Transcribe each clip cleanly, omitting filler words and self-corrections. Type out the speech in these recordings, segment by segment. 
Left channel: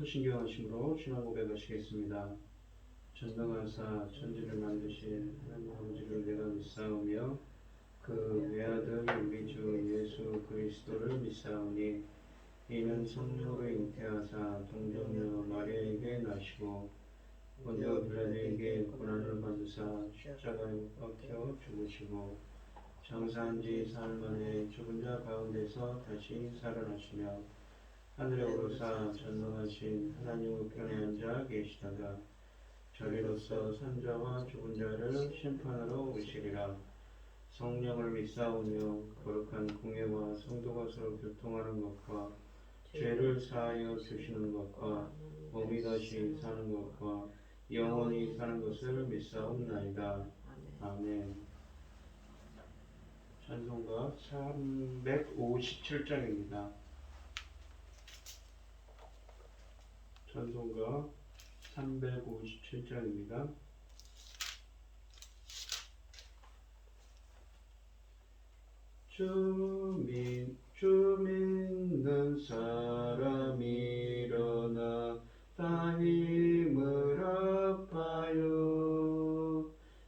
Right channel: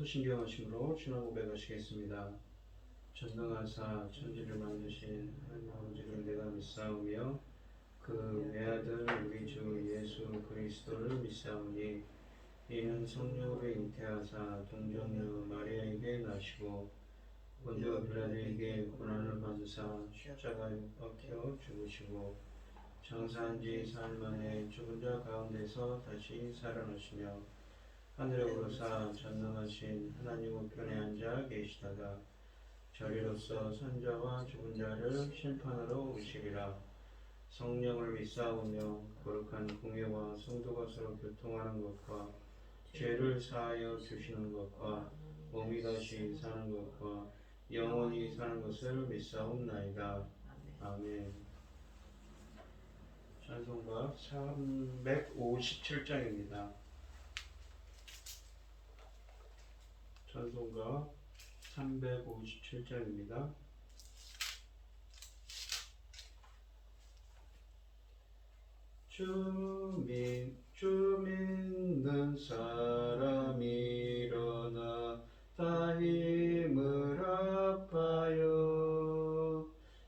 사도신경 하심으로 신앙 고백하시겠습니다. 전능하사 천지를 만드신 하나님 아버지를 내가 믿사오며 그 외아들 우리 주 예수 그리스도를 믿사오니 이는 성령으로 잉태하사 동정녀 마리아에게 나시고 본디오 빌라도에게 고난을 받으사 십자가에 박혀 죽으시고 장사한 지 사흘 만에 죽은 자 가운데서 다시 살아나시며 하늘에 오르사 전능하신 하나님 우편에 앉아 계시다가 저리로서 산자와 죽은 자를 심판하러 오시리라. 성령을 믿사오며 거룩한 공예와 성도가 서로 교통하는 것과 죄를 사하여 주시는 것과 몸이 다시 사는 것과 영원히 사는 것을 믿사옵나이다. 아멘. 찬송가 357장입니다. 찬송가 357장입니다. 주 믿는 사람 일어나 다 힘을 합하여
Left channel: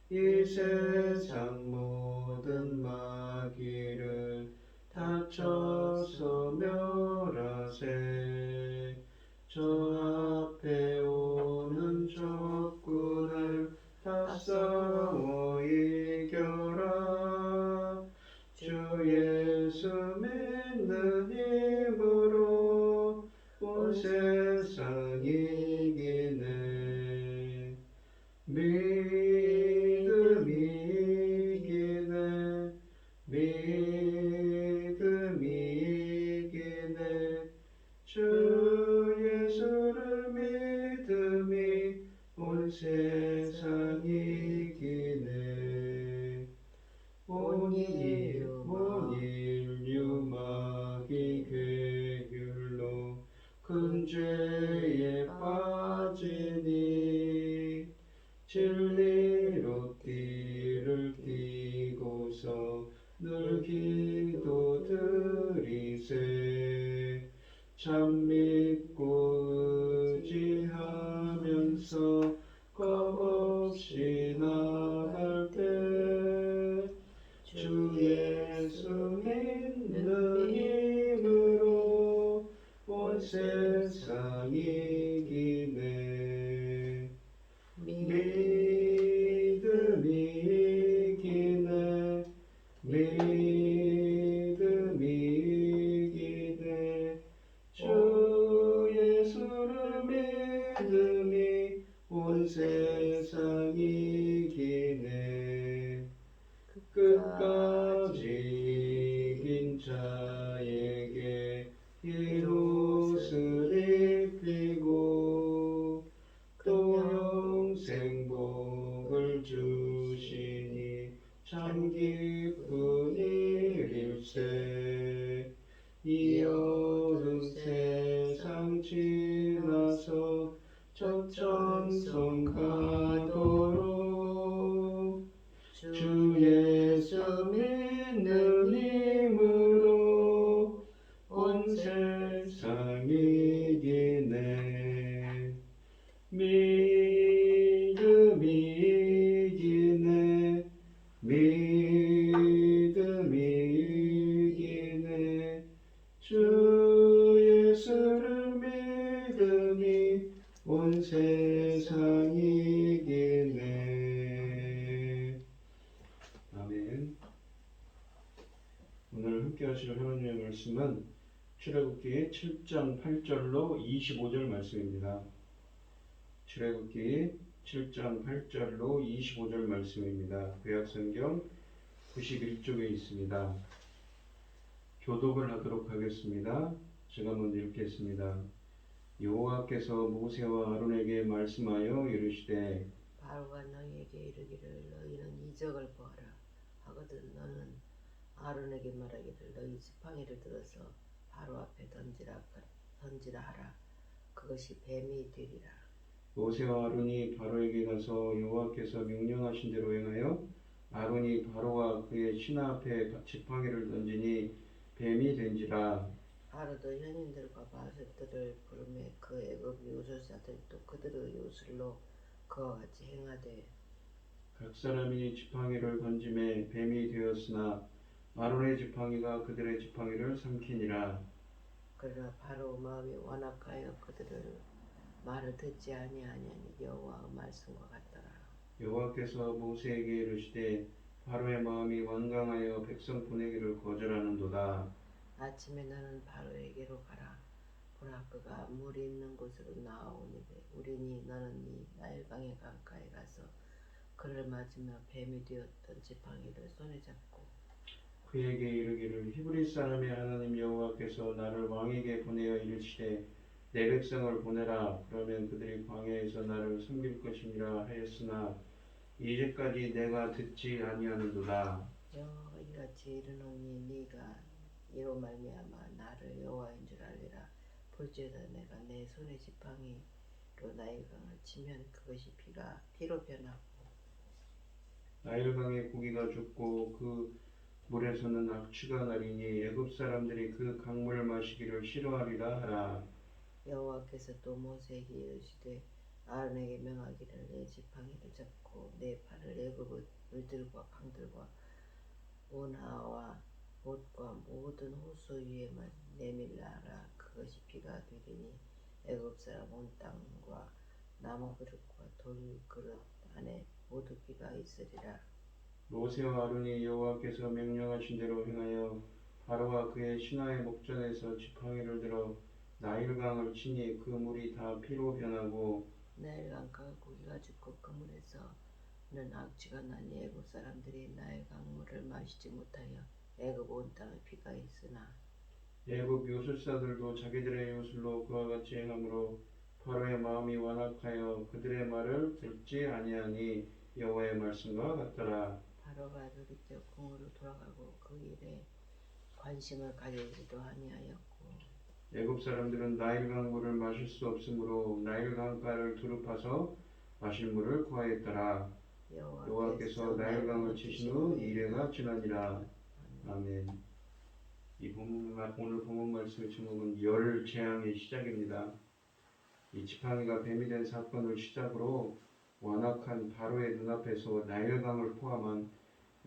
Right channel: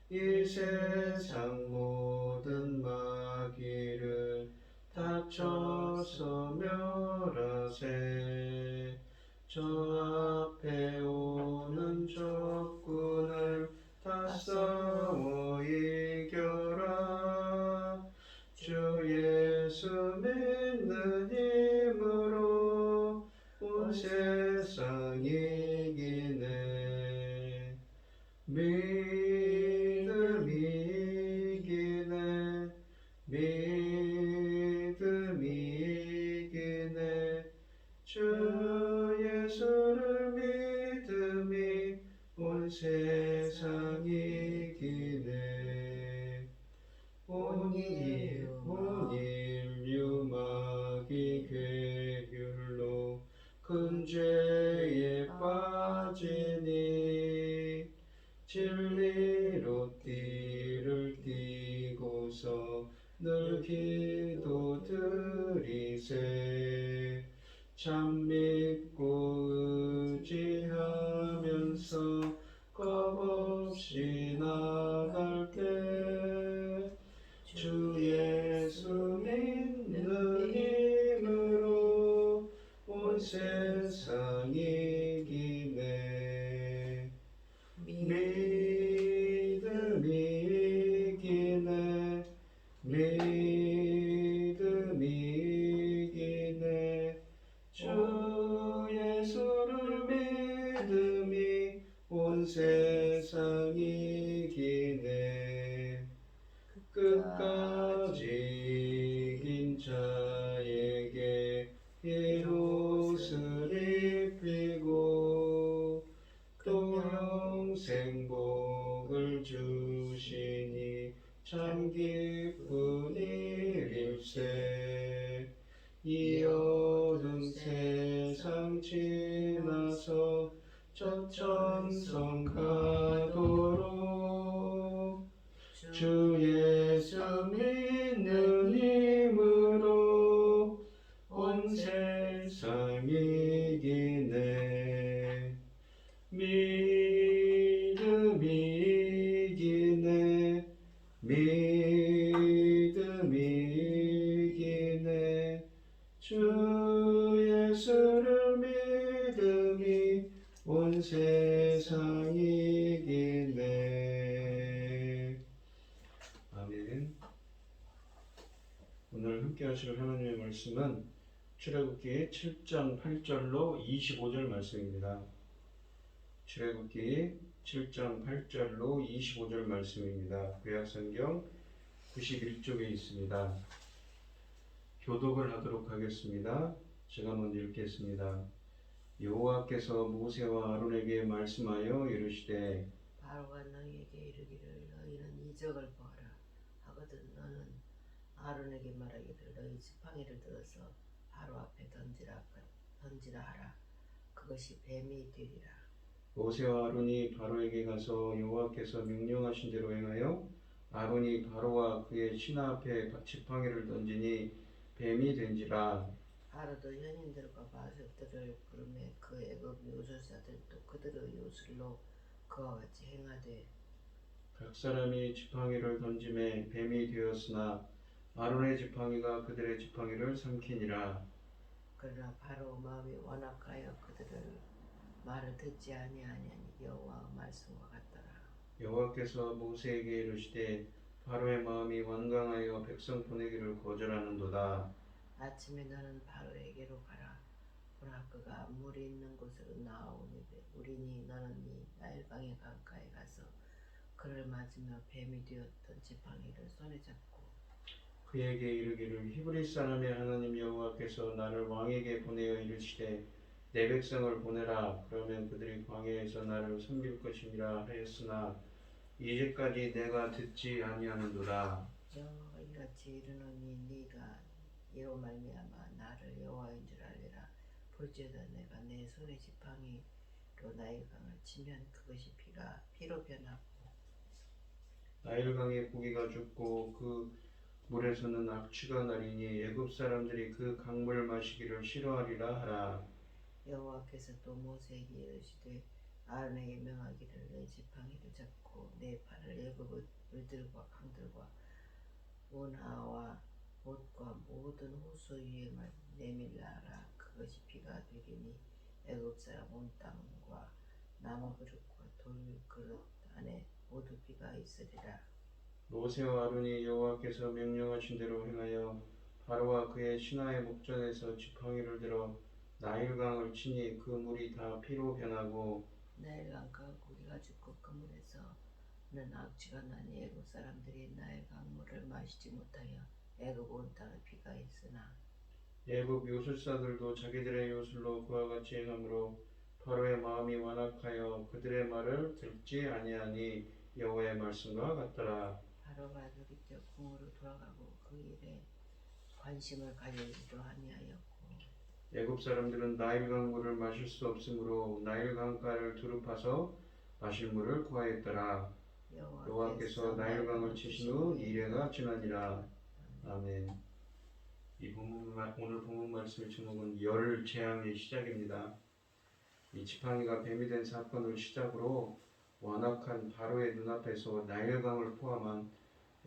이 세상 모든 마귀를 다쳐서 멸하세. 저 앞에 오는 적군을 다 싸워 이겨라. 주 예수 믿는 힘으로 온 세상 이기네. 믿음이 이기네. 믿음이 이기네. 주 예수를 믿음이 온 세상 이기네. 온 인류 마귀 괴율로 큰 죄에 빠지니 진리로 띠를 띠고서 늘 기도 드리세. 참 믿고 의지하면서 겁없이 나갈 때 주 예수 믿는 힘으로 온 세상 이기네. 믿음이 이기네. 믿음이 이기네. 주 예수를 믿음이 온 세상 이기네. 끝까지 이긴 자에게 흰옷을 입히고 또 영생 복을 주시니 참 기쁜 일일세. 이 어두운 세상 지나서 저 천성 가도록 주 예수 믿는 힘으로 온 세상 이기네. 믿음이 이기네. 믿음이 이기네. 주 예수를 믿음이 온 세상 이기네. 아멘. 오늘 함께 하실 하나님의 말씀은 출애굽기 7장 8절로 25절 말씀입니다. 출애굽기 7장 8절로 25절 말씀입니다. 구약성경 91쪽에 있습니다. 교독을 하도록 하겠습니다. 제가 먼저 읽겠습니다. 여호와께서 모세와 아론에게 말씀하여 이르시되 바로가 너희에게 이르기를 너희는 이적을 보아라 하거든 너는 아론에게 말하기를 너희 지팡이를 들어서 바로 앞에 던지라 하라. 그것이 뱀이 되리라. 모세와 아론이 바로에게 가서 여호와께서 명령하신 대로 행하여 아론이 바로와 그의 신하 앞에 지팡이를 던지니 뱀이 된지라. 바로도 현인들과 바색들을 부르매 그 애굽 요술사들도 그들의 요술로 그와 같이 행하되 각 사람이 지팡이를 던짐에 뱀이 되었으나 아론의 지팡이가 그들의 지팡이를 삼키니라. 그러나 바로 마음이 완악하여 그들을 말을 듣지 아니하니 여호와의 말씀과 같더라. 여호와께서 모세에게 이르시되 바로의 마음이 완강하여 백성 보내기를 거절하는도다. 아침에 너는 바로에게로 가라. 보라 그가 물이 있는 곳으로 나아오니되 우리니 너는 이 나일강의 강가에 가서 그를 맞으며 뱀이 되었던 지팡이를 손에 잡고 그에게 이르기를 히브리 사람의 하나님 여호와께서 나를 왕에게 보내어 이르시되 내 백성을 보내라. 그러면 그들이 광야에서 나를 섬길 것이니라 하였으나 이제까지 내가 듣지 아니하는도다. 여호와가 이같이 이르노니 네가 이로 말미암아 나를 여호와인 줄 알리라. 볼지어다 내가 내 손에 지팡이로 나일강을 치면 그것이 피로 변하고 나일강의 고기가 죽고 그 물에서는 악취가 나리니 애굽 사람들이 그 강물 마시기를 싫어하리라 하라. 여호와께서 또 모세에게 이르시되 아론에게 명하기를 내 지팡이를 잡고 내 팔을 애굽의 물들과 강들과 운하와 못과 모든 호수 위에만 내밀라 하라. 그것이 피가 되리니 애굽 사람 온 땅과 나무 그릇과 돌 그릇 안에 모두 피가 있으리라. 모세와 아론이 여호와께서 명령하신 대로 행하여 바로와 그의 신하의 목전에서 지팡이를 들어 나일강을 치니 그 물이 다 피로 변하고 나일강가 고기가 죽고 그 물에서는 악취가 나니 애굽 사람들이 나일강 물을 마시지 못하여 애굽 온 땅에 피가 있으나 애굽 요술사들도 자기들의 요술로 그와 같이 행함으로 바로의 마음이 완악하여 그들의 말을 듣지 아니하니 여호와의 말씀과 같더라. 바로가 돌이켜 궁으로 돌아가고 그 일에 관심을 가지지도 아니하였고 애굽 사람들은 나일강 물을 마실 수 없으므로 나일강가를 두릅파서 마실 물을 구하였더라. 여호와께서 나일강을 치신 후 이레가 지나니라. 아멘. 오늘 본문 말씀의 제목은 열 재앙의 시작입니다. 이 지팡이가 뱀이 된 사건을 시작으로 완악한 바로의 눈앞에서 나일강을 포함한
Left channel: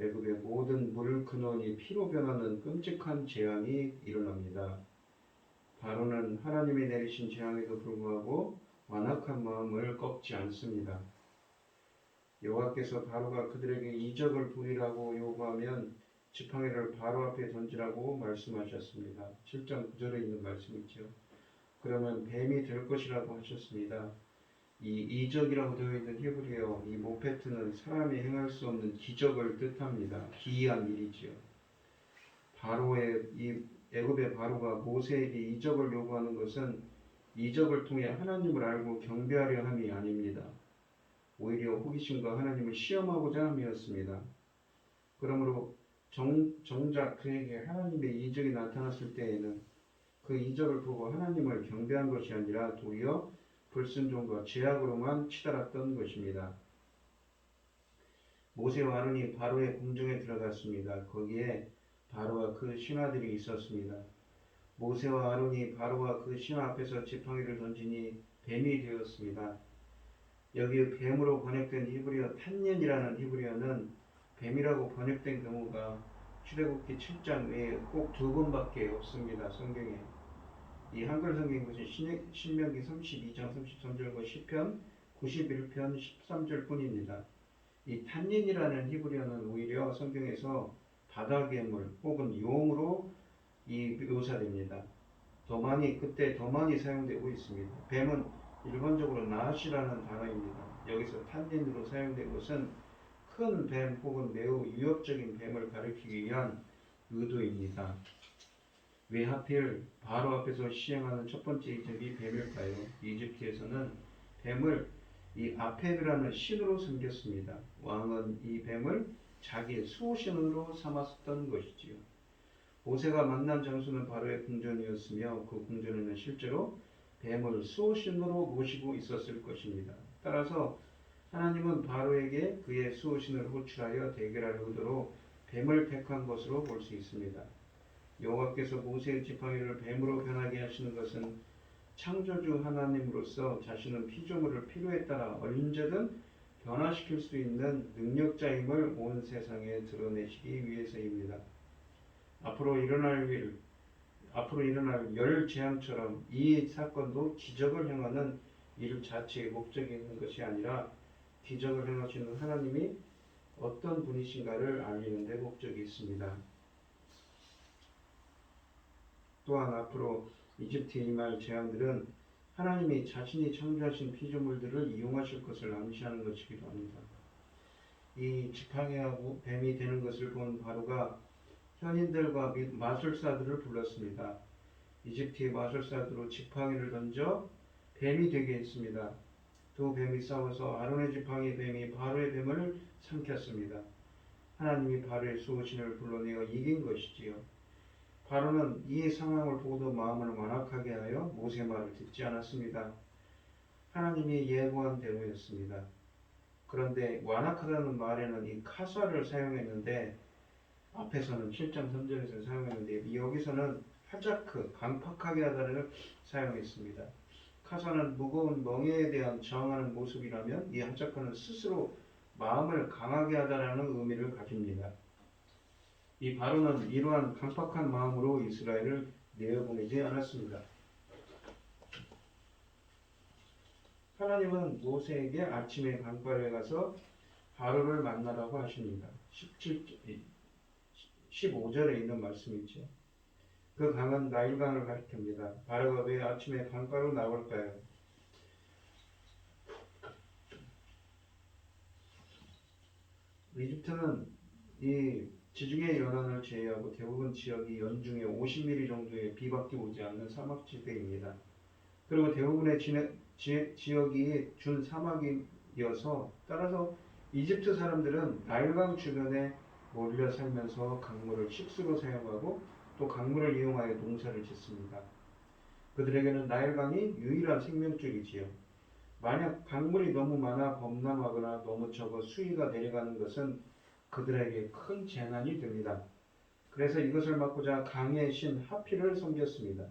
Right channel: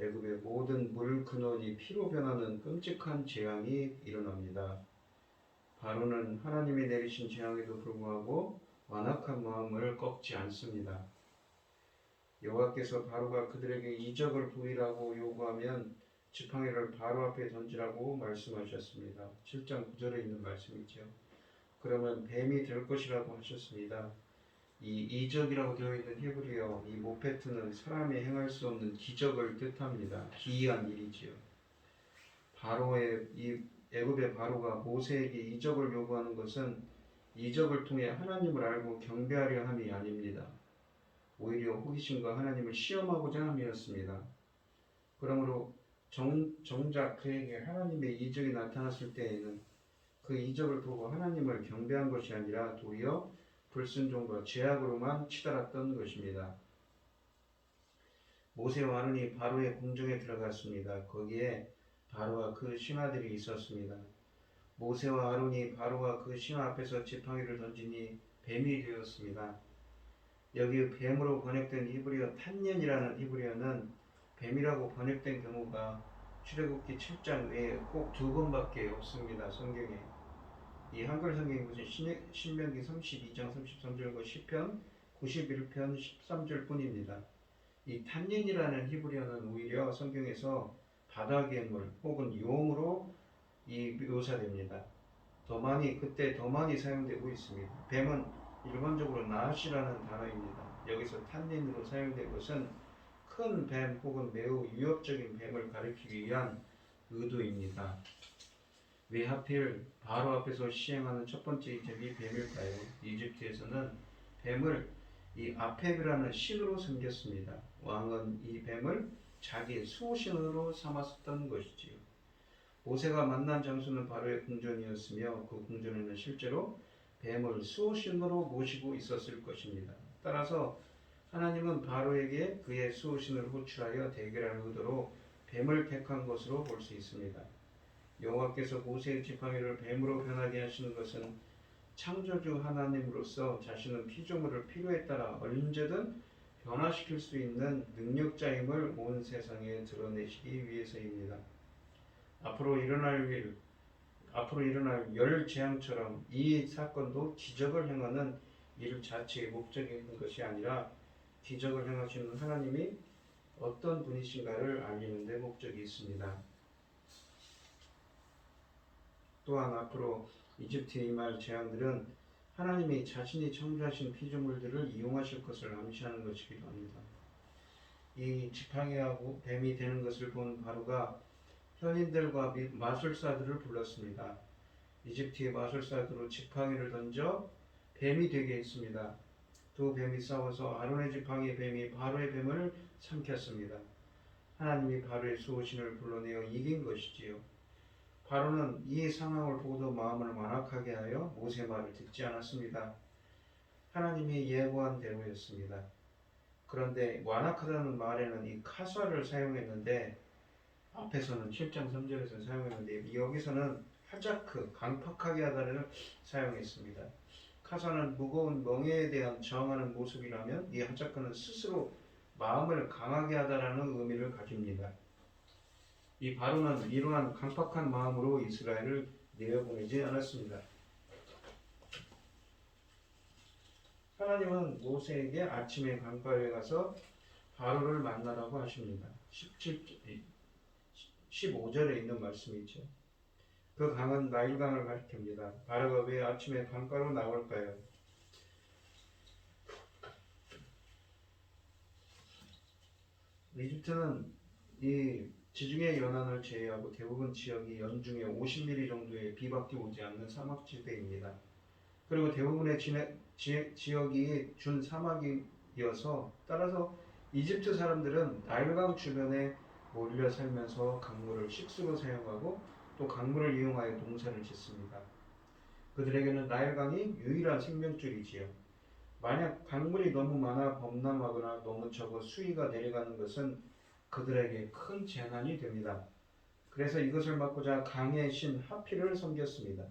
애굽의 모든 물 근원이 피로 변하는 끔찍한 재앙이 일어납니다. 바로는 하나님이 내리신 재앙에도 불구하고 완악한 마음을 꺾지 않습니다. 여호와께서 바로가 그들에게 이적을 보이라고 요구하면 지팡이를 바로 앞에 던지라고 말씀하셨습니다. 7장 9절에 있는 말씀이죠. 그러면 뱀이 될 것이라고 하셨습니다. 이 이적이라고 되어 있는 히브리어 이 모페트는 사람이 행할 수 없는 기적을 뜻합니다. 기이한 일이지요. 바로의 이 애굽의 바로가 모세에게 이적을 요구하는 것은 이적을 통해 하나님을 알고 경배하려 함이 아닙니다. 오히려 호기심과 하나님을 시험하고자 함이었습니다. 그러므로 정작 그에게 하나님의 이적이 나타났을 때에는 그 이적을 보고 하나님을 경배한 것이 아니라 도리어 불순종과 죄악으로만 치달았던 것입니다. 모세와 아론이 바로의 궁정에 들어갔습니다. 거기에 바로와 그 신하들이 있었습니다. 모세와 아론이 바로와 그 신하 앞에서 지팡이를 던지니 뱀이 되었습니다. 여기 뱀으로 번역된 히브리어 탄년이라는 히브리어는 뱀이라고 번역된 경우가 출애굽기 7장 외에 꼭 2번밖에 없습니다. 성경에. 이 한글 성경에 보신 신명기 32장 33절과 시편 91편 13절 뿐입니다. 이 탄닌이라는 히브리어는 오히려 성경에서 바다 괴물 혹은 용으로 묘사됩니다. 그때 더 많이 사용되고 있습니다. 뱀은 일반적으로 나시라는 단어입니다. 여기서 탄닌으로 사용된 것은 큰 뱀 혹은 매우 위협적인 뱀을 가리키기 위한 의도입니다. 왜 하필 바로 앞에서 시행하는 첫 번째 이적이 뱀일까요? 이집트에서는 뱀을 이 아페드라는 신으로 섬겼습니다. 왕은 이 뱀을 자기의 수호신으로 삼았던 것이지요. 모세가 만난 장소는 바로의 궁전이었으며 그 궁전에는 실제로 뱀을 수호신으로 모시고 있었을 것입니다. 따라서 하나님은 바로에게 그의 수호신을 호출하여 대결할 의도로 뱀을 택한 것으로 볼 수 있습니다. 여호와께서 모세의 지팡이를 뱀으로 변하게 하시는 것은 창조주 하나님으로서 자신은 피조물을 필요에 따라 언제든 변화시킬 수 있는 능력자임을 온 세상에 드러내시기 위해서입니다. 앞으로 일어날 열 재앙처럼 이 사건도 기적을 행하는 일 자체의 목적이 있는 것이 아니라 기적을 행하시는 하나님이 어떤 분이신가를 알리는 데 목적이 있습니다. 또한 앞으로 이집트에 임할 재앙들은 하나님이 자신이 창조하신 피조물들을 이용하실 것을 암시하는 것이기도 합니다. 이 지팡이하고 뱀이 되는 것을 본 바로가 현인들과 마술사들을 불렀습니다. 이집트의 마술사들로 지팡이를 던져 뱀이 되게 했습니다. 두 뱀이 싸워서 아론의 지팡이 뱀이 바로의 뱀을 삼켰습니다. 하나님이 바로의 수호신을 불러내어 이긴 것이지요. 바로는 이 상황을 보고도 마음을 완악하게 하여 모세 말을 듣지 않았습니다. 하나님이 예고한 대로였습니다. 그런데 완악하다는 말에는 이 카사를 사용했는데 앞에서는 7장 3절에서 사용했는데 여기서는 하자크, 강팍하게 하다를 사용했습니다. 카사는 무거운 멍에에 대한 저항하는 모습이라면 이 하자크는 스스로 마음을 강하게 하다라는 의미를 가집니다. 이 바로는 이러한 강팍한 마음으로 이스라엘을 내어보내지 않았습니다. 하나님은 모세에게 아침에 강가에 가서 바로를 만나라고 하십니다. 15절에 있는 말씀이죠. 그 강은 나일강을 가리킵니다. 바로가 왜 아침에 강가로 나올까요? 이집트는 이 지중해 연안을 제외하고 대부분 지역이 연중에 50mm 정도의 비밖에 오지 않는 사막지대입니다. 그리고 대부분의 지역이 준 사막이어서 따라서 이집트 사람들은 나일강 주변에 몰려 살면서 강물을 식수로 사용하고 또 강물을 이용하여 농사를 짓습니다. 그들에게는 나일강이 유일한 생명줄이지요. 만약 강물이 너무 많아 범람하거나 너무 적어 수위가 내려가는 것은 그들에게 큰 재난이 됩니다. 그래서 이것을 막고자 강의 신 하필을 섬겼습니다.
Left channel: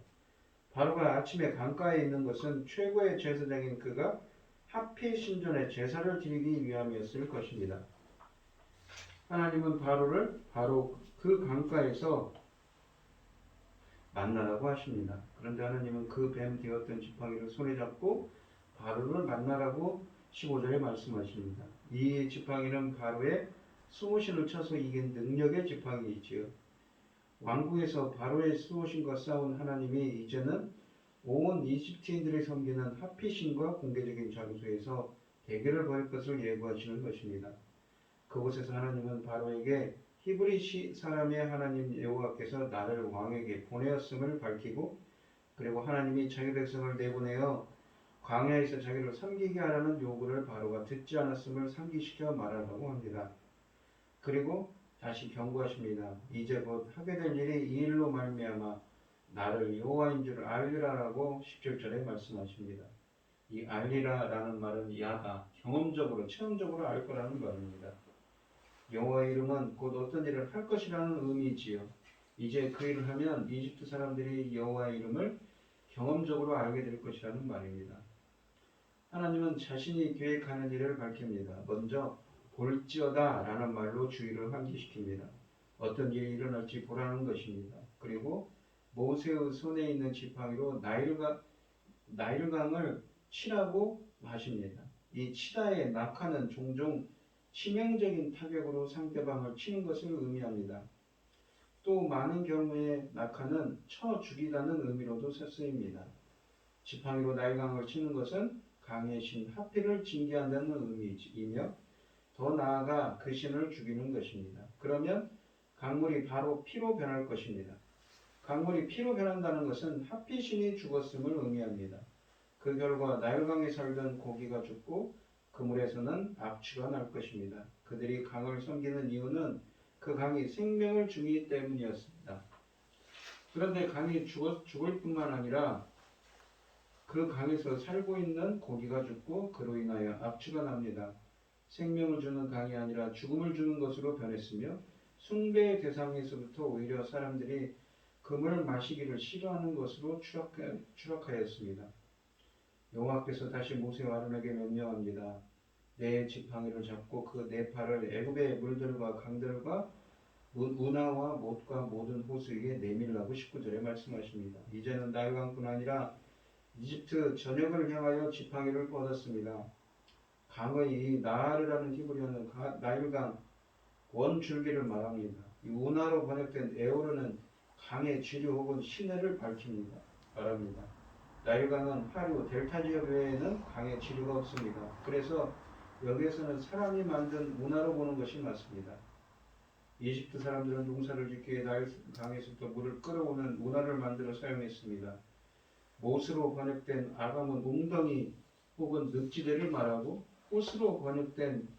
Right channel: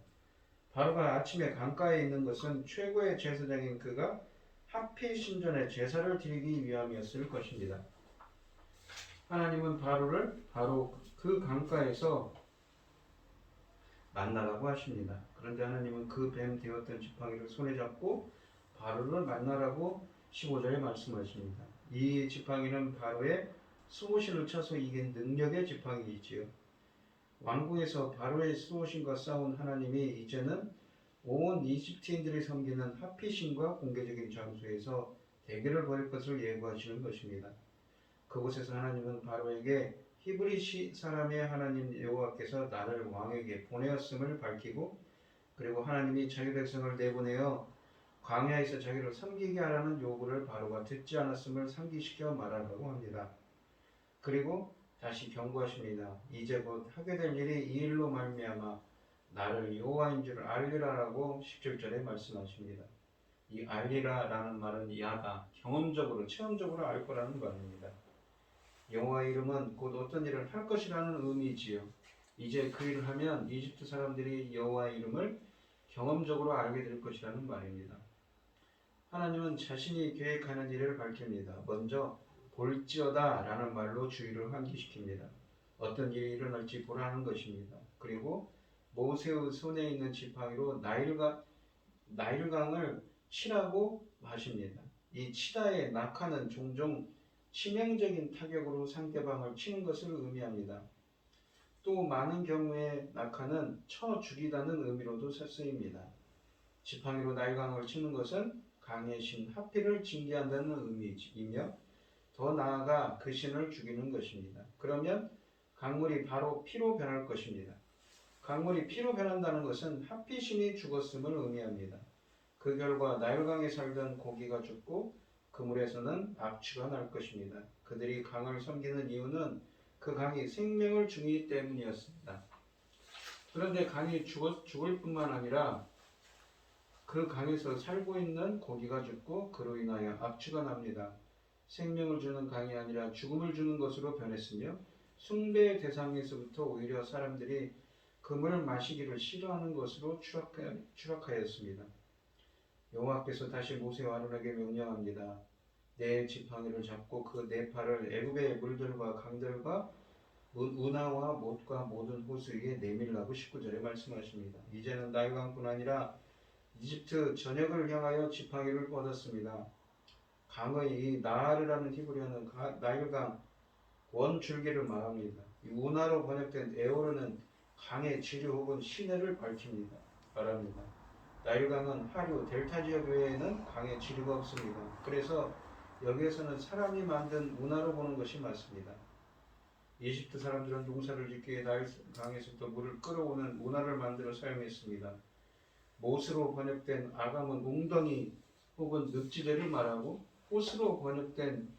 바로가 아침에 강가에 있는 것은 최고의 제사장인 그가 하피 신전에 제사를 드리기 위함이었을 것입니다. 하나님은 바로를 바로 그 강가에서 만나라고 하십니다. 그런데 하나님은 그 뱀 되었던 지팡이를 손에 잡고 바로를 만나라고 15절에 말씀하십니다. 이 지팡이는 바로의 수호신을 쳐서 이긴 능력의 지팡이이지요. 왕궁에서 바로의 수호신과 싸운 하나님이 이제는 온 이집트인들이 섬기는 하피신과 공개적인 장소에서 대결을 벌일 것을 예고하시는 것입니다. 그곳에서 하나님은 바로에게 히브리 사람의 하나님 여호와께서 나를 왕에게 보내었음을 밝히고 그리고 하나님이 자기 백성을 내보내어 광야에서 자기를 섬기게 하라는 요구를 바로가 듣지 않았음을 상기시켜 말하라고 합니다. 그리고 다시 경고하십니다. 이제 곧 하게 될 일이 이 일로 말미암아 나를 여호와인 줄 알리라라고 17절에 말씀하십니다. 이 알리라라는 말은 야다, 경험적으로, 체험적으로 알 거라는 말입니다. 여호와의 이름은 곧 어떤 일을 할 것이라는 의미지요. 이제 그 일을 하면 이집트 사람들이 여호와의 이름을 경험적으로 알게 될 것이라는 말입니다. 하나님은 자신이 계획하는 일을 밝힙니다. 먼저 볼지어다 라는 말로 주의를 환기시킵니다. 어떤 일이 일어날지 보라는 것입니다. 그리고 모세의 손에 있는 지팡이로 나일강을 치라고 하십니다. 이 치다의 낙하는 종종 치명적인 타격으로 상대방을 치는 것을 의미합니다. 또 많은 경우에 낙하는 쳐 죽이다는 의미로도 쓰입니다. 지팡이로 나일강을 치는 것은 강의 신 하필을 징계한다는 의미이며 더 나아가 그 신을 죽이는 것입니다. 그러면 강물이 바로 피로 변할 것입니다. 강물이 피로 변한다는 것은 하필 신이 죽었음을 의미합니다. 그 결과 나일강에 살던 고기가 죽고 그 물에서는 악취가 날 것입니다. 그들이 강을 섬기는 이유는 그 강이 생명을 주기 때문이었습니다. 그런데 강이 죽을 뿐만 아니라 그 강에서 살고 있는 고기가 죽고 그로 인하여 악취가 납니다. 생명을 주는 강이 아니라 죽음을 주는 것으로 변했으며 숭배의 대상에서부터 오히려 사람들이 그 물을 마시기를 싫어하는 것으로 추락하였습니다. 여호와께서 다시 모세와 아론에게 명령합니다. 내 지팡이를 잡고 그 네 팔을 애굽의 물들과 강들과 운하와 못과 모든 호수에 내밀라고 19절에 말씀하십니다. 이제는 나일강뿐 아니라 이집트 전역을 향하여 지팡이를 뻗었습니다. 강의 이 나하르라는 히브리어는 나일강 원줄기를 말합니다. 이 운하로 번역된 에오르는 강의 지류 혹은 시내를 밝힙니다. 말합니다. 나일강은 하류, 델타 지역 외에는 강의 지류가 없습니다. 그래서 여기에서는 사람이 만든 운하로 보는 것이 맞습니다. 이집트 사람들은 농사를 짓기에 나일강에서부터 물을 끌어오는 운하를 만들어 사용했습니다. 못으로 번역된 아감은 웅덩이 혹은 늪지대를 말하고 호스로 번역된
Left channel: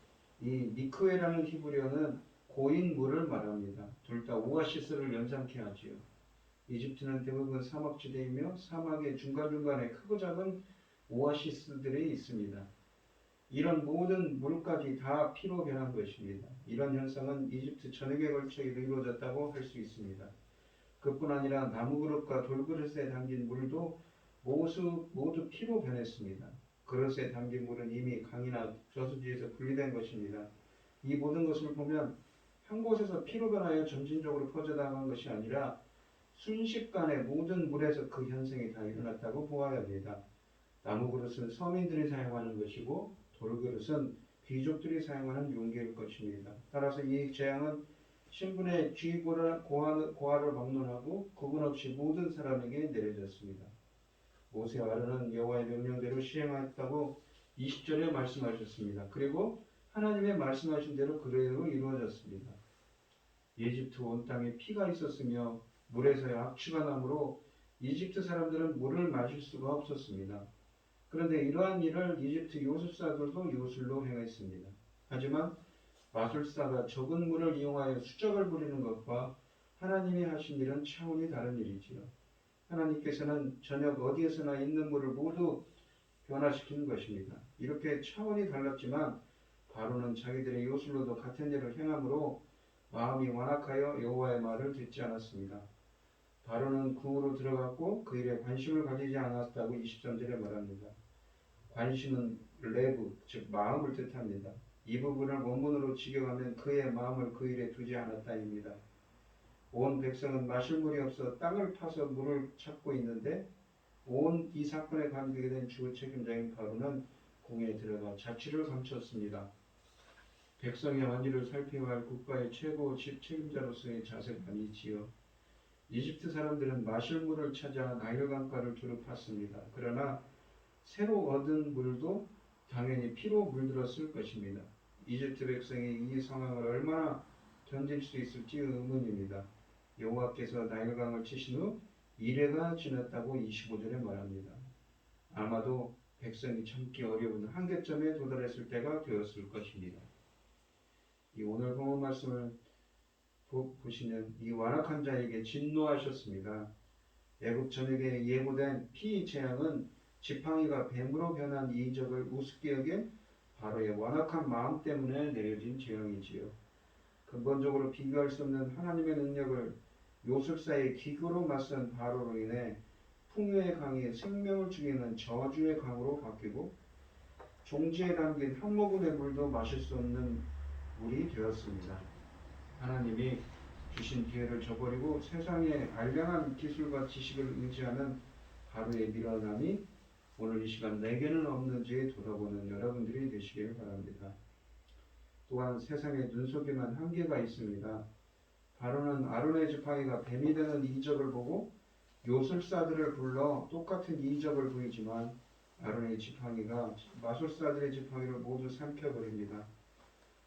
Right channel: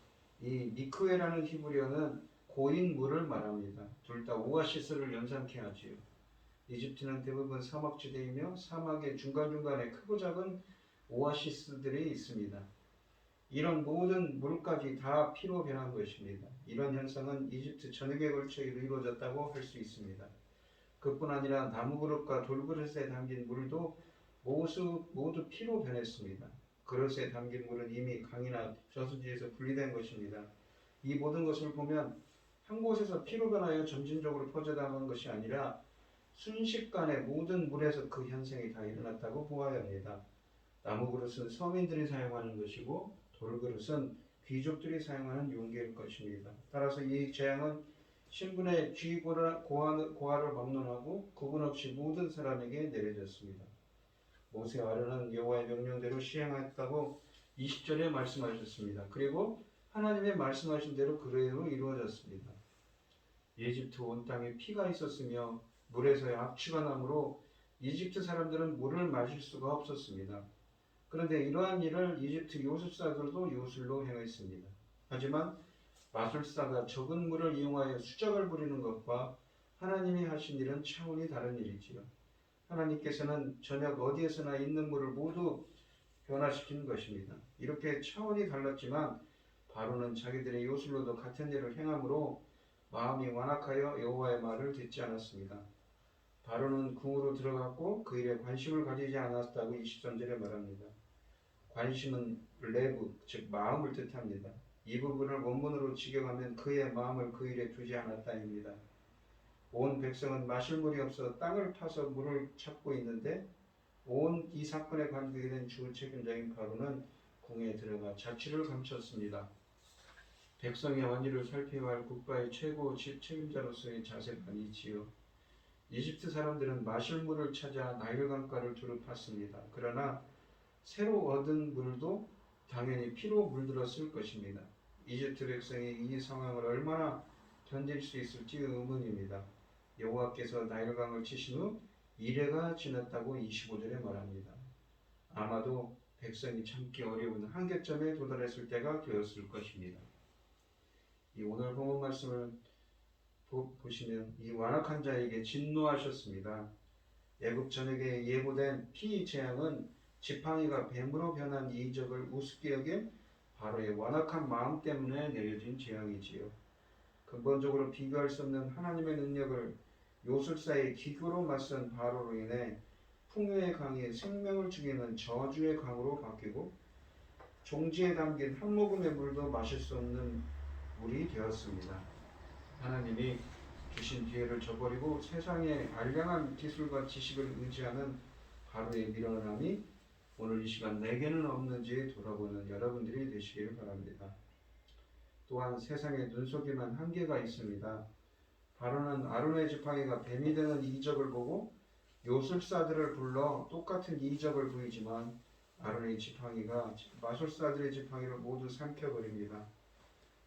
이 미크웨라는 히브리어는 고인 물을 말합니다. 둘 다 오아시스를 연상케 하지요. 이집트는 대부분 사막지대이며 사막의 중간중간에 크고 작은 오아시스들이 있습니다. 이런 모든 물까지 다 피로 변한 것입니다. 이런 현상은 이집트 전역에 걸쳐 이루어졌다고 할 수 있습니다. 그뿐 아니라 나무그릇과 돌그릇에 담긴 물도 모두 피로 변했습니다. 그릇에 담긴 물은 이미 강이나 저수지에서 분리된 것입니다. 이 모든 것을 보면 한 곳에서 피로 변하여 점진적으로 퍼져나간 것이 아니라 순식간에 모든 물에서 그 현상이 다 일어났다고 보아야 합니다. 나무 그릇은 서민들이 사용하는 것이고 돌그릇은 귀족들이 사용하는 용기일 것입니다. 따라서 이 재앙은 신분의 고하를 막론하고 구분 없이 모든 사람에게 내려졌습니다. 모세와 아론은 여호와의 명령대로 시행하였다고 20절에 말씀하셨습니다. 그리고 하나님의 말씀하신 대로 그대로 이루어졌습니다. 이집트 온 땅에 피가 있었으며 물에서의 악취가 나므로 이집트 사람들은 물을 마실 수가 없었습니다. 그런데 이러한 일을 이집트 요술사들도 요술로 행했습니다. 하지만 마술사가 적은 물을 이용하여 수작을 부리는 것과 하나님이 하신 일은 차원이 다른 일이지요. 하나님께서는 전역 어디에서나 있는 물을 모두 변화시키는 것입니다. 이렇게 차원이 달랐지만 바로는 자기들의 요술로도 같은 일을 행함으로 마음이 완악하여 여호와의 말을 듣지 않았습니다. 바로는 궁으로 들어갔고 그 일에 관심을 가지지 않았다고 23절에 말합니다. 관심은 레브, 즉 마음을 뜻합니다. 이 부분을 원문으로 직역하면 그의 마음을 그 일에 두지 않았다입니다. 온 백성은 마실 물이 없어 땅을 파서 물을 찾고 있는데 온 이 사건에 관계된 주 책임자인 바로는 궁에 들어가 자취를 감췄습니다. 백성의 완일을 살펴야 할 국가의 최고 책임자로서의 자세가 아니지요. 이집트 사람들은 마실 물을 찾아 나일강가를 두루 팠습니다. 그러나 새로 얻은 물도 당연히 피로 물들었을 것입니다. 이집트 백성이 이 상황을 얼마나 견딜 수 있을지 의문입니다. 여호와께서 나일강을 치신 후 이래가 지났다고 25절에 말합니다. 아마도 백성이 참기 어려운 한계점에 도달했을 때가 되었을 것입니다. 이 오늘 본문 말씀을 보시면 이 완악한 자에게 진노하셨습니다. 애굽 전역에 예고된 피 재앙은 지팡이가 뱀으로 변한 이적을 우습게 여긴 바로의 완악한 마음 때문에 내려진 재앙이지요. 근본적으로 비교할 수 없는 하나님의 능력을 요술사의 기구로 맞선 바로로 인해 풍요의 강이 생명을 죽이는 저주의 강으로 바뀌고 종지에 담긴 한 모금의 물도 마실 수 없는 물이 되었습니다. 하나님이 주신 기회를 저버리고 세상의 알량한 기술과 지식을 의지하는 바로의 밀어남이 오늘 이 시간 내게는 없는지 돌아보는 여러분들이 되시길 바랍니다. 또한 세상의 눈속임은 한계가 있습니다. 바로는 아론의 지팡이가 뱀이 되는 이적을 보고 요술사들을 불러 똑같은 이적을 보이지만 아론의 지팡이가 마술사들의 지팡이를 모두 삼켜버립니다.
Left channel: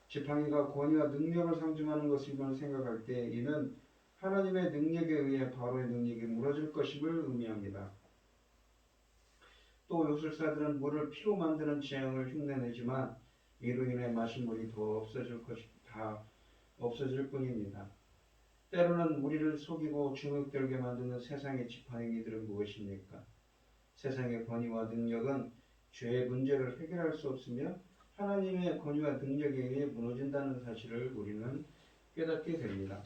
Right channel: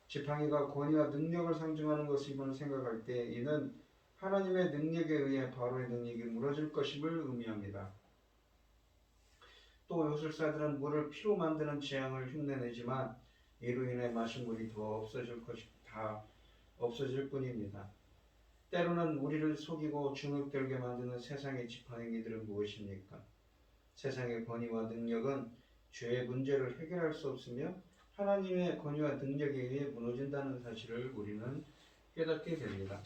지팡이가 권위와 능력을 상징하는 것임을 생각할 때 이는 하나님의 능력에 의해 바로의 능력이 무너질 것임을 의미합니다. 또 요술사들은 물을 피로 만드는 재앙을 흉내내지만 이로 인해 마신 물이 다 없어질 뿐입니다. 때로는 우리를 속이고 중흙들게 만드는 세상의 지팡이들은 무엇입니까? 세상의 권위와 능력은 죄의 문제를 해결할 수 없으며 하나님의 권위와 능력에 의해 무너진다는 사실을 우리는 깨닫게 됩니다.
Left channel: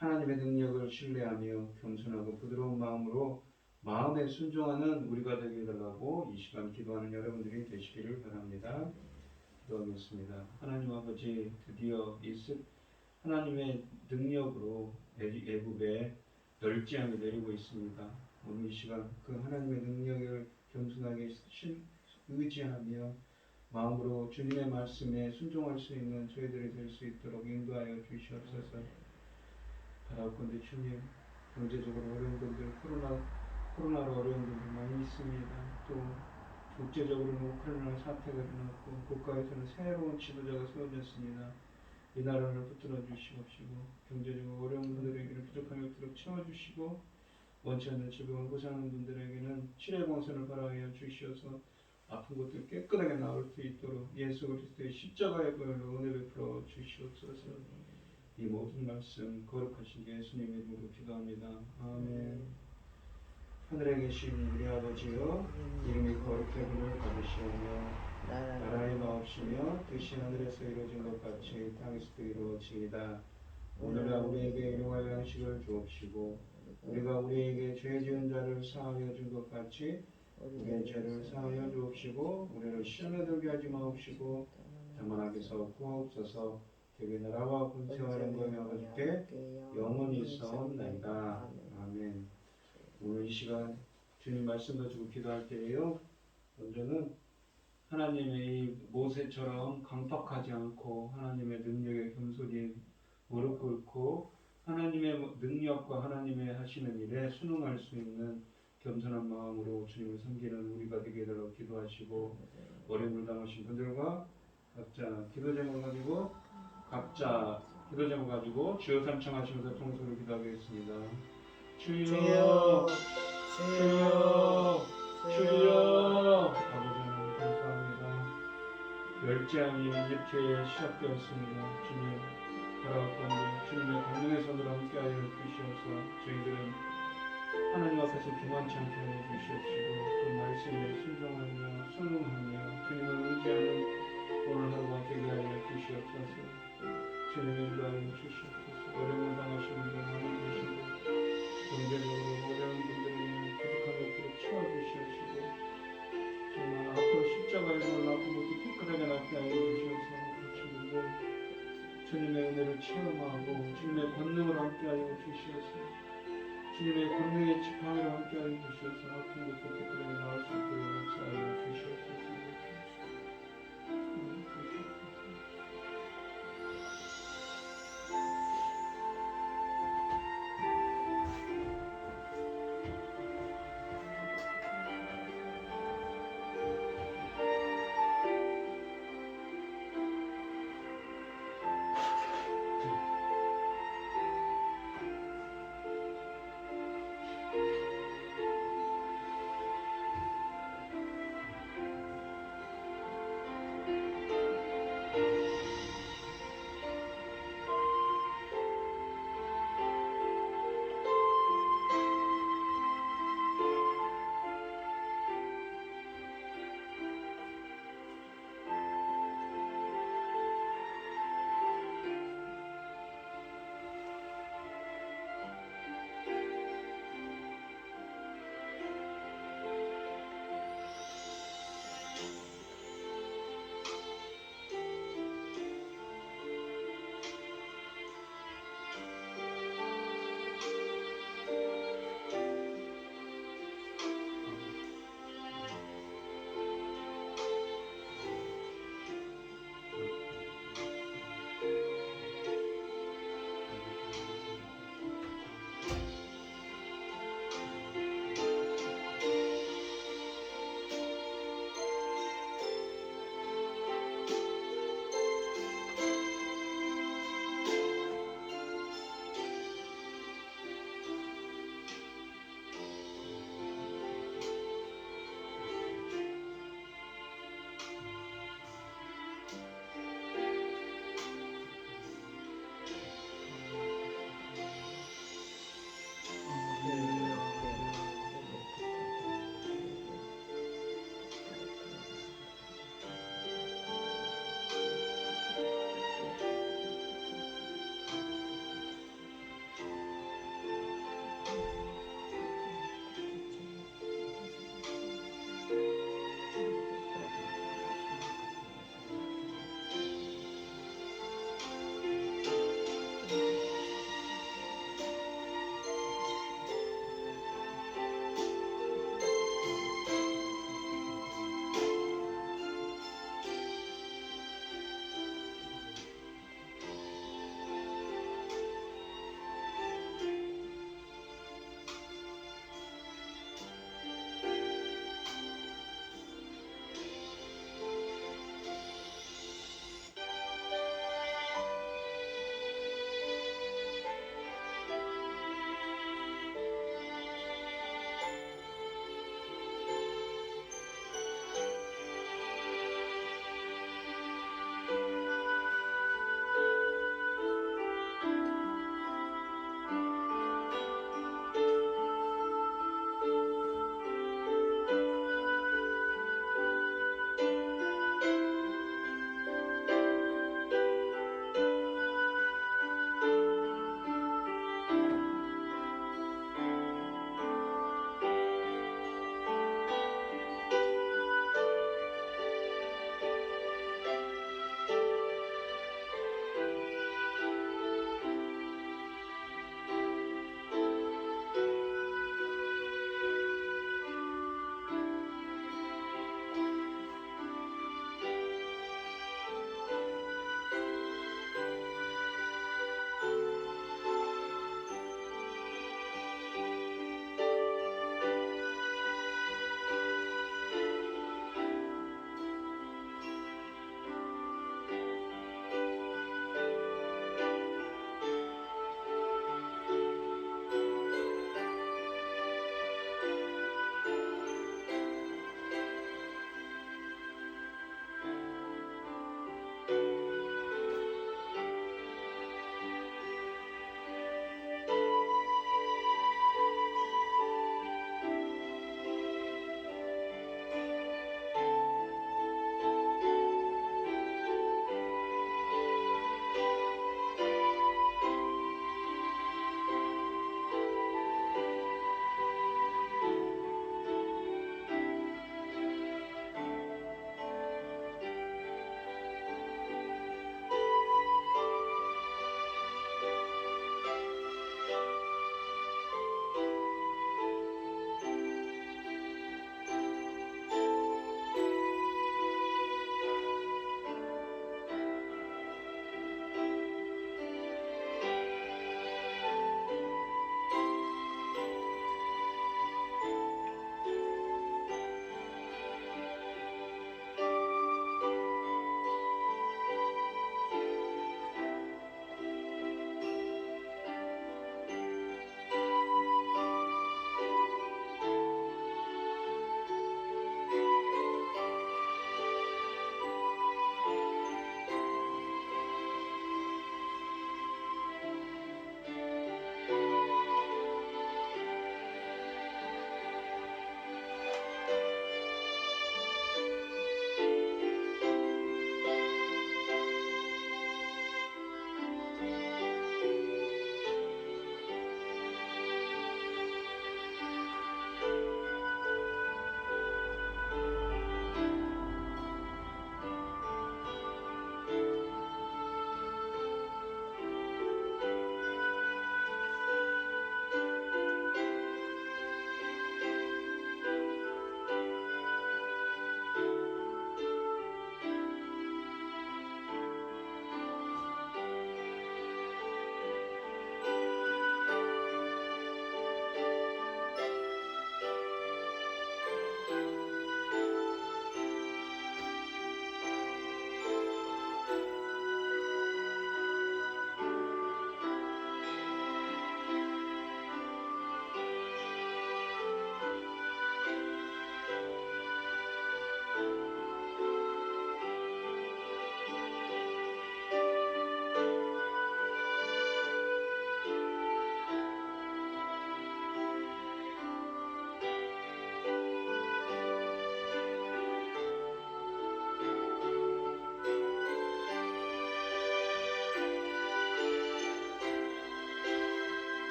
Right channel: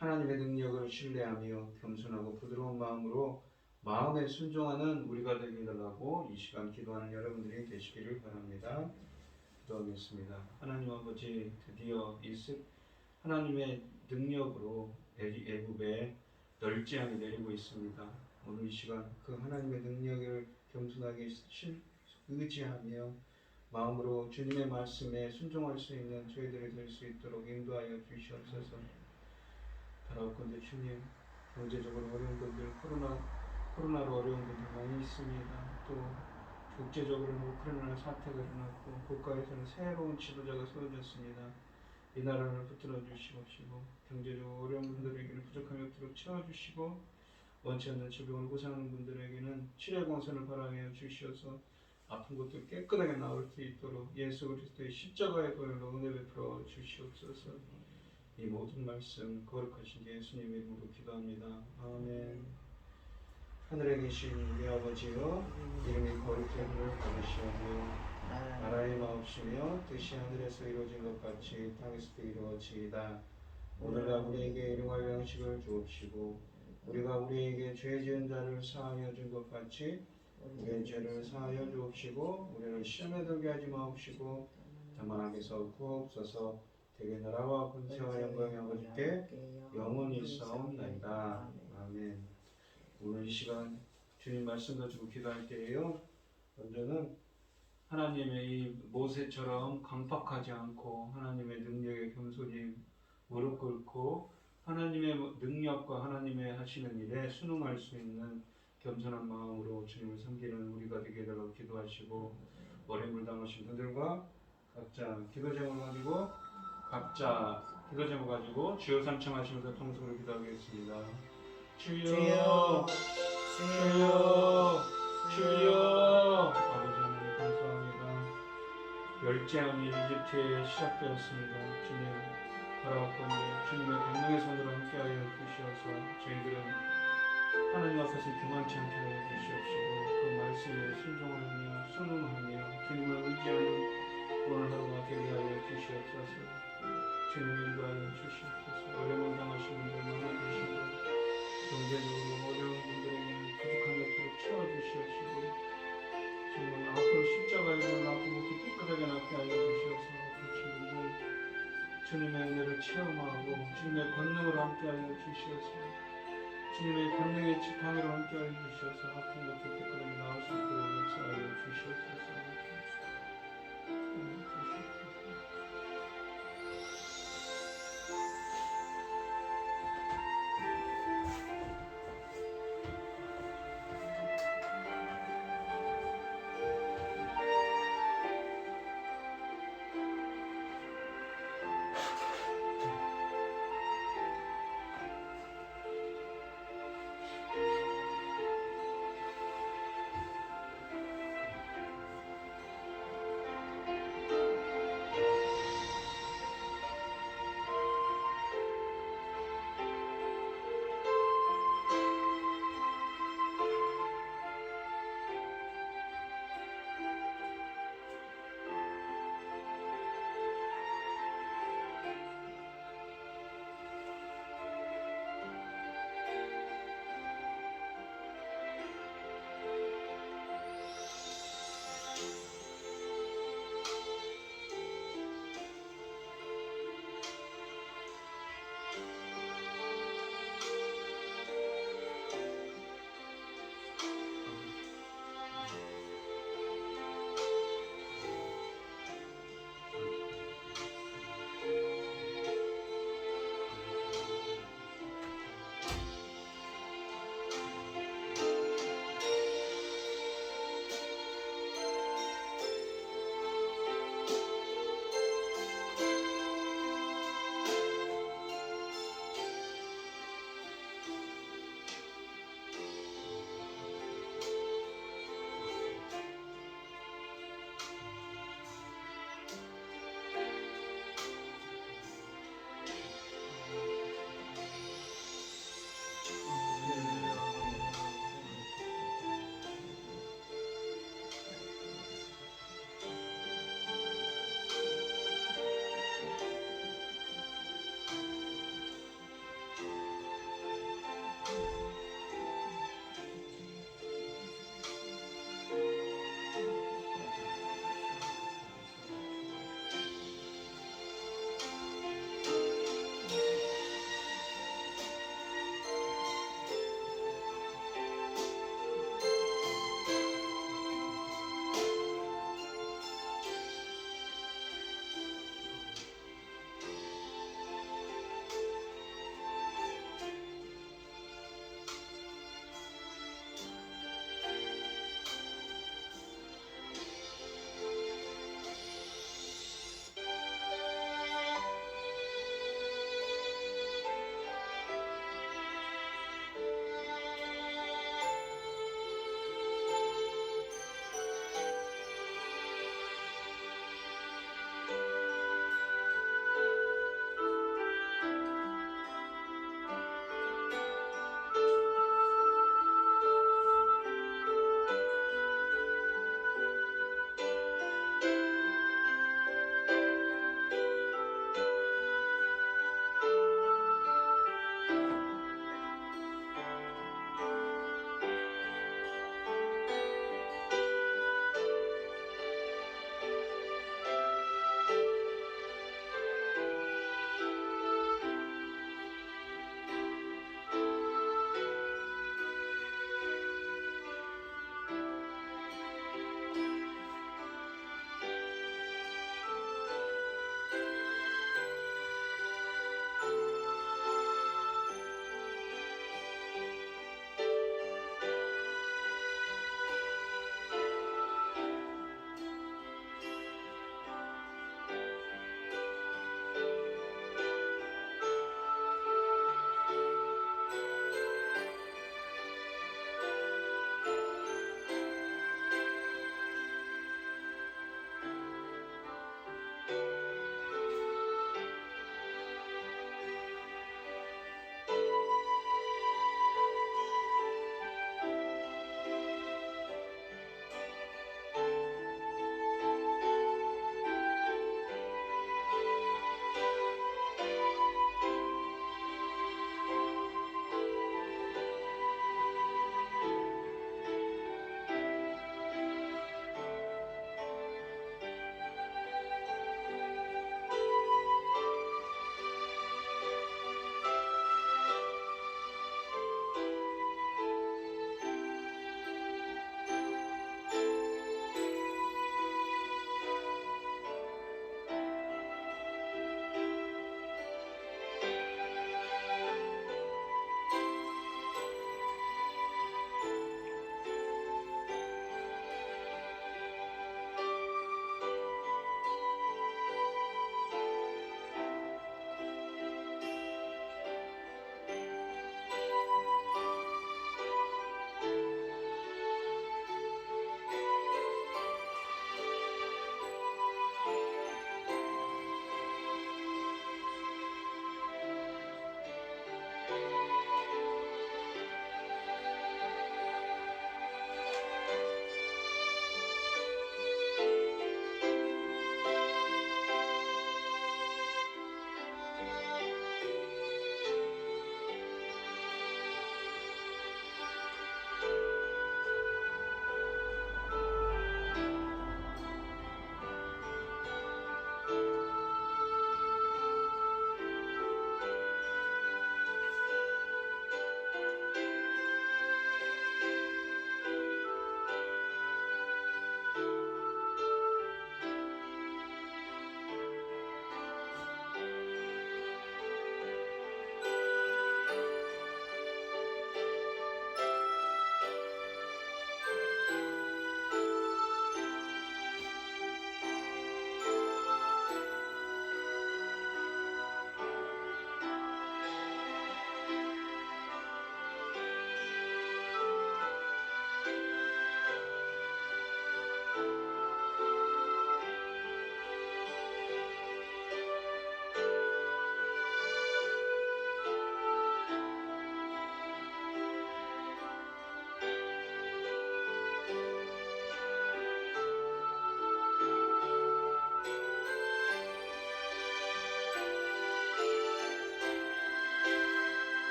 하나님의 능력을 신뢰하며 겸손하고 부드러운 마음으로 마음에 순종하는 우리가 되게 해달라고 이 시간 기도하는 여러분들이 되시기를 바랍니다. 기도하겠습니다. 하나님 아버지, 드디어 하나님의 능력으로 애굽에 널지양이 내리고 있습니다. 오늘 이 시간 그 하나님의 능력을 겸손하게 의지하며 마음으로 주님의 말씀에 순종할 수 있는 저희들이 될 수 있도록 인도하여 주시옵소서. 바라옵건대 주님, 경제적으로 어려운 분들, 코로나로 어려운 분들 많이 있습니다. 또 국제적으로는 우크라이나 사태가 일어났고 국가에서는 새로운 지도자가 세워졌습니다. 이 나라를 붙들어 주시옵시고 경제적으로 어려운 분들에게는 부족함이 없도록 채워주시고 원치 않는 질병을 고생하는 분들에게는 치료 공선을 발하여 주시어서 아픈 것도 깨끗하게 나을 수 있도록 예수 그리스도의 십자가의 보혈로 은혜 베풀어 주시옵소서. 이 모든 말씀 거룩하신 예수님 이름으로 기도합니다. 아멘. 하늘에 계신 우리 아버지여, 이름이 거룩하심을 받으시오며 나라의 마옵시며 뜻이 하늘에서 이루어진 것 같이 땅에서도 이루어지이다. 오늘날 우리에게 일용할 양식을 주옵시고 우리가 우리에게 죄 지은 자를 사하여 준 것 같이 우리의 죄를 사하여 주옵시고 우리를 시험에 들게 하지 마옵시고 다만 악에서 구하옵소서. 대개 나라와 권세와 영광이 아버지께 영원히 있사옵나이다. 아멘. 오늘 이 시간 주님 말씀 가지고 기도할 때에요, 먼저는 하나님의 이 모세처럼 강팍하지 않고 하나님의 능력에 겸손히 무릎 꿇고 하나님의 능력과 하나님의 하시는 일에 순응할 수 있는 겸손한 마음으로 주님을 섬기는 우리가 되게 해달라고 기도하시고, 어려움을 당하신 분들과 각자 기도 제목 가지고 주여 삼창하시면서 통성으로 기도하겠습니다. 주여, 주여, 주여. 아버지 하나님 감사합니다. 멸재앙이 이집트에 시작되었습니다. 주님 바라옵건대 주님의 강력의 손으로 함께하여 주시옵소서. 저희들은 하나님 앞에서 교만치 않게 하여 주시옵시고 그 말씀에 순종하며 순응하며 주님을 의지하는 오늘 하루가 되게 하여 주시옵소서. 주님 인도하여 주시옵소서. 어려움을 당하신 분들 많이 계신데 경제적으로 어려운 분들에게 부족한 것들을 채워주시옵시고 정말 앞으로 십자가에 걸린 아픈 것도 깨끗하게 낫게 하여 주시옵소서. 그 친구들 주님의 은혜를 체험하고 주님의 권능으로 함께하여 주시옵소서. 주님의 권능의 지팡이로 함께하여 주시옵소서. 아픈 것도 깨끗하게 나을 수 있도록 역사하여 주시옵소서.